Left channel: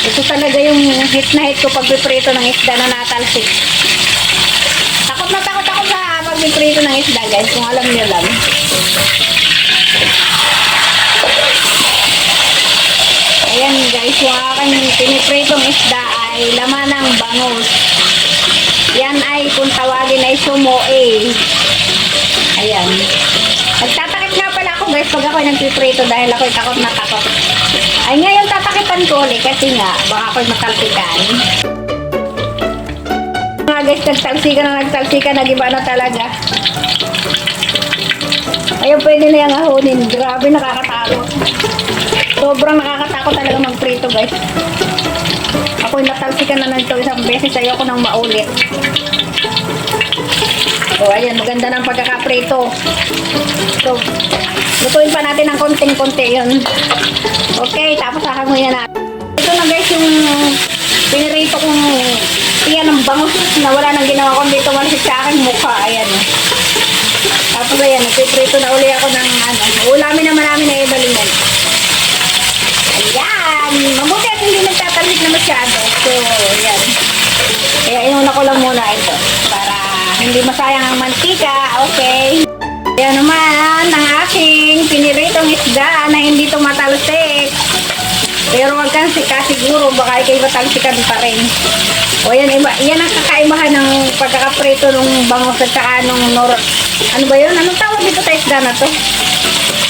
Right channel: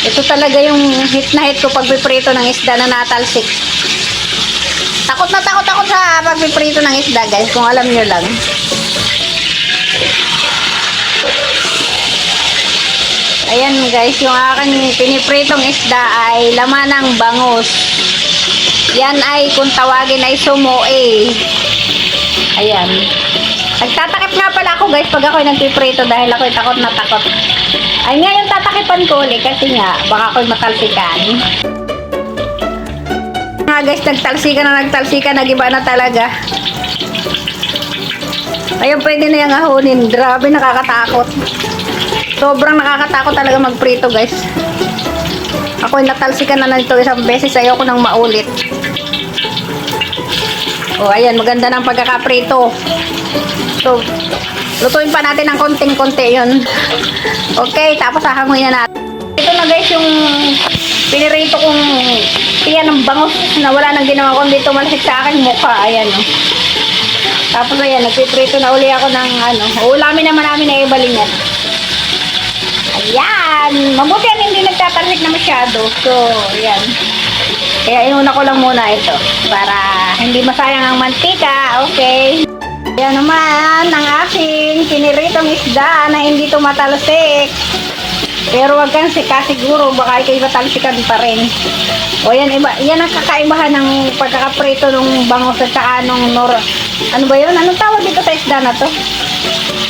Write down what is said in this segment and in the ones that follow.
Ito talaga yung hit na hit ko pagpiprito ng isda na natalsik. Takot na takot ako sa pagpiprito ng isda, guys, kung alam nyo lang. Ayan, guys, yung aking pinipritong isda ay laman ng bangus. Yan ay kung tawagin ay sumoe. Ayan. Nagtatakip nga pala ako, guys, pag ako'y nagpiprito dahil ako'y takot na takot. Ay ngayon tatakipan ko ulit kasi nga baka ako'y matalsikan. Nga, guys, nagtalsikan, nagiba na talaga. Ayun, pwede na yung ahunin. Grabe, nakakatakot. Sobrang nakakatakot talaga magprito, guys. Ako'y natalsikan na nito isang beses. Ayoko nang maulit. O, ayan, maganda ng pagkakaprito. So, lutuin pa natin ng konting-konti yun. Okay, tapos hahanguin na natin. Ito na, guys, yung pinirito kong tiyan ng bangus na wala nang ginawa kundi tumalsik sa aking mukha. Ayan, o. Tapos, ayan, nagpiprito na uli ako ng ano. Ulamin naman namin na ibalingan. Ayan. Mabuti yan, hindi nagtatalhit na masyado. So, ayan. Kaya inuna ko lang muna ito para hindi masayang ang mantika. Okay. Ayan naman ang aking piniritong isda na hindi tumatalsik. Pero wag kang siguro, baka ikay matalsikan pa rin. O yan, yan ang kakaibahan ng pagkakaprito ng bangus at saka nung ano ba yun? Anong tawag dito sa isda na to?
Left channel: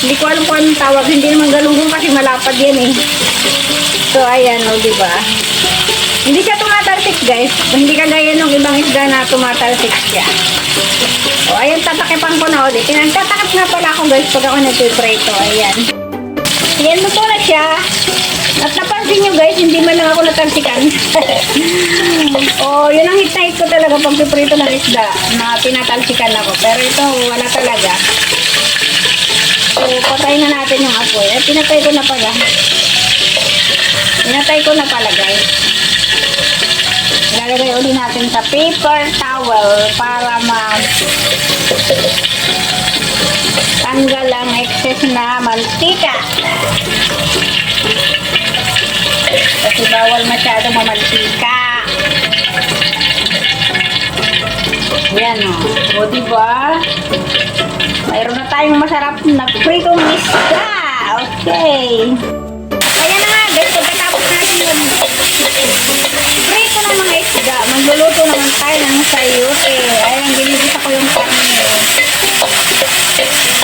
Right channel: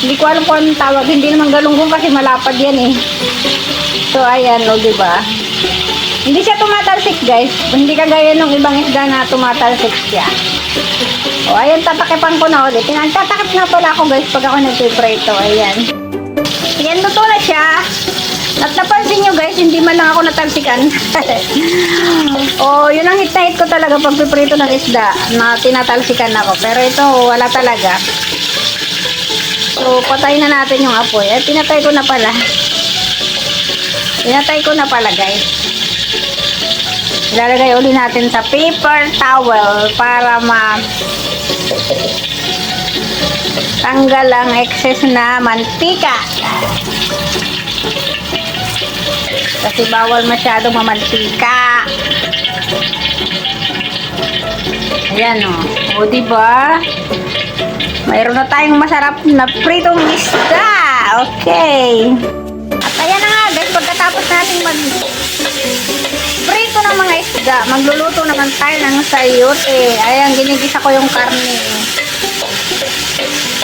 Hindi ko alam kung anong tawag. Hindi naman galunggong kasi malapad yan eh. So ayan, o diba? Hindi siya tumatalsik, guys. Hindi kagaya ng ibang isda na tumatalsik siya. O, ayan, tatakipan ko na ulit. Pinagtatakip nga pala ako, guys, pag ako nagpiprito. Ayan. Ayan, luto na siya. At napansin nyo, guys, hindi man lang ako natalsikan. O, yun ang hit na hit ko talaga pag piprito ng isda na tinatalsikan ako. Pero ito, wala talaga. So, patayin na natin yung apoy. At pinatay ko na pala. Pinatay ko na pala, guys. Ilalagay ulit natin sa paper towel para tanggal ang excess na mantika. Kasi bawal masyadong mamantika. Ayan o. O diba? Mayroon na tayong masarap na pritong isda. Okay. At ayan na nga, guys. Pagkatapos natin prito ng mga isda, magluluto naman tayo ng sayote. Ayan, ginigisa ko yung karne.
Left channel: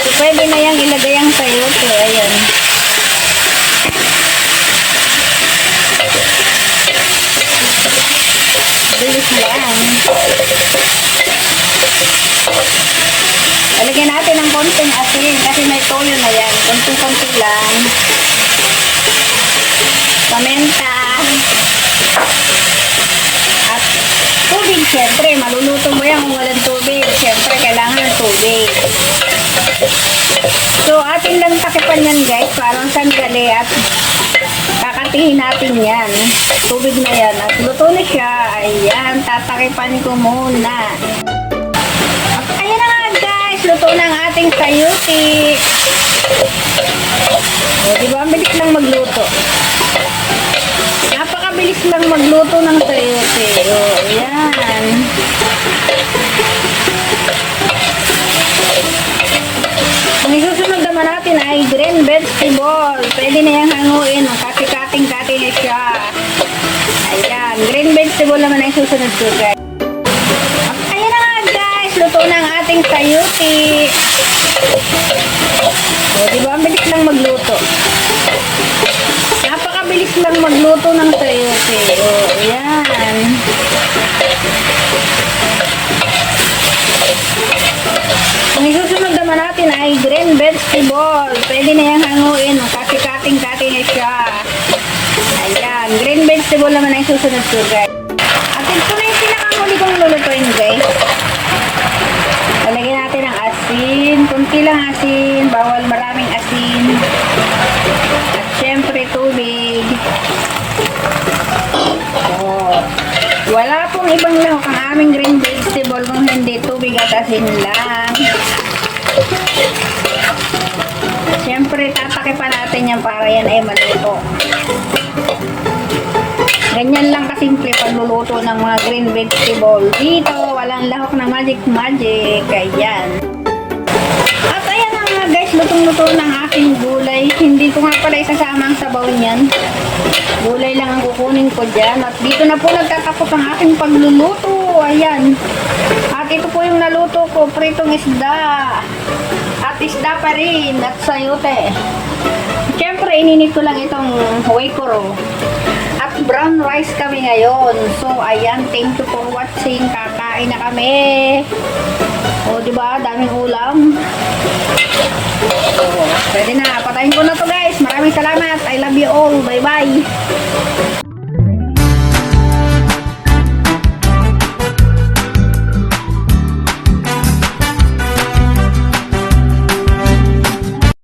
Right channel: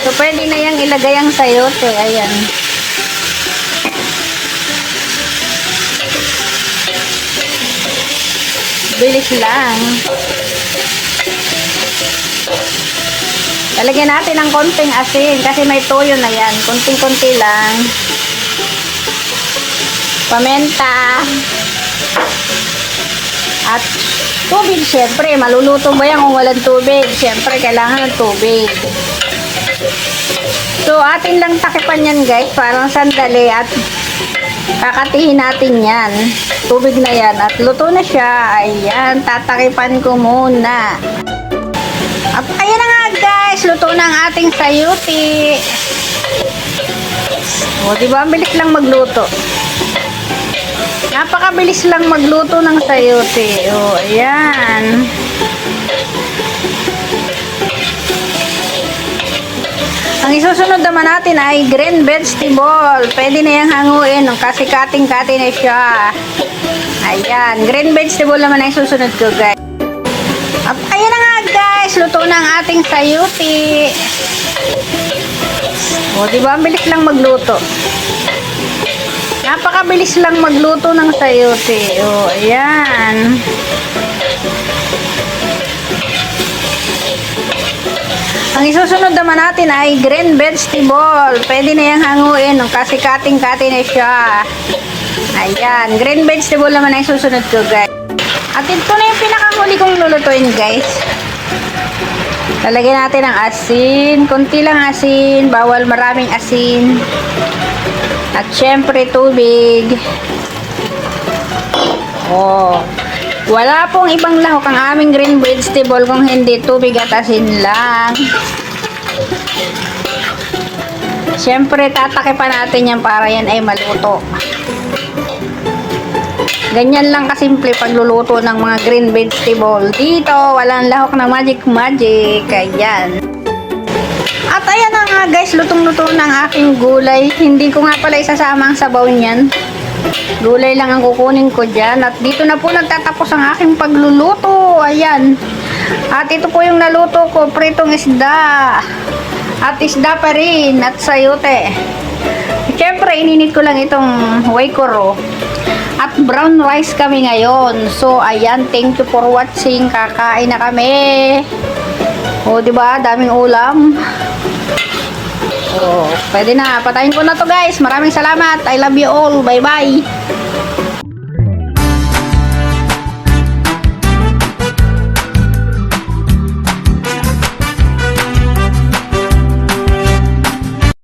So, pwede na yung ilagay ang sayote. Ayan. Bilis lang. Lalagyan natin ng konting asin kasi may toyo na yan. Konting-konti lang. Pamenta. At tubig, syempre. Maluluto ba yan kung walang tubig? Syempre, kailangan ng tubig. So, atin lang takipan yan, guys. Parang sandali at kakatihin natin yan. Tubig na yan. At luto na siya. Ayan, tatakipan ko muna. At ayan na nga, guys. Luto na ang ating sayuti. O, diba? Ang bilis lang magluto. Napakabilis lang magluto ng sayote. O, ayan. Ang isusunod naman natin ay green vegetable. Pwede na yung hanguin kasi kating-kati na siya. Ayan. Green vegetable naman ang isusunod ko, guys. At ayan na nga, guys. Luto na ang ating sayote. O, diba? Ang bilis lang magluto. Napakabilis lang magluto ng sayote. O, ayan. Ang isusunod naman natin ay green vegetable. Pwede na yung hanguin kasi kating-kati na siya. Ayan. Green vegetable naman ang isusunod ko, guys. At ito na yung pinakahuli kong lulutuin, guys. Lalagyan natin ng asin. Kunti lang asin. Bawal maraming asin. At syempre tubig. Oh. Wala pong ibang lahok ang aming green vegetable kung hindi tubig at asin lang. Syempre tatakipan natin yan para yan ay maluto. Ganyan lang kasimple pagluluto ng mga green vegetable. Dito, walang lahok ng magic. Ayan. At ayan na nga guys, lutong-luto ng aking gulay. Hindi ko nga pala isasama ang sabaw niyan. Gulay lang ang kukunin ko dyan. At dito na po nagtatapos ang aking pagluluto. Ayan. At ito po yung naluto ko, pritong isda. At isda pa rin. At sayote. Siyempre, ininit ko lang itong waikoro. At brown rice kami ngayon. So, ayan. Thank you for watching. Kakain na kami. O, diba? Daming ulam. So, pwede na. Patayin ko na to guys. Maraming salamat. I love you all. Bye-bye.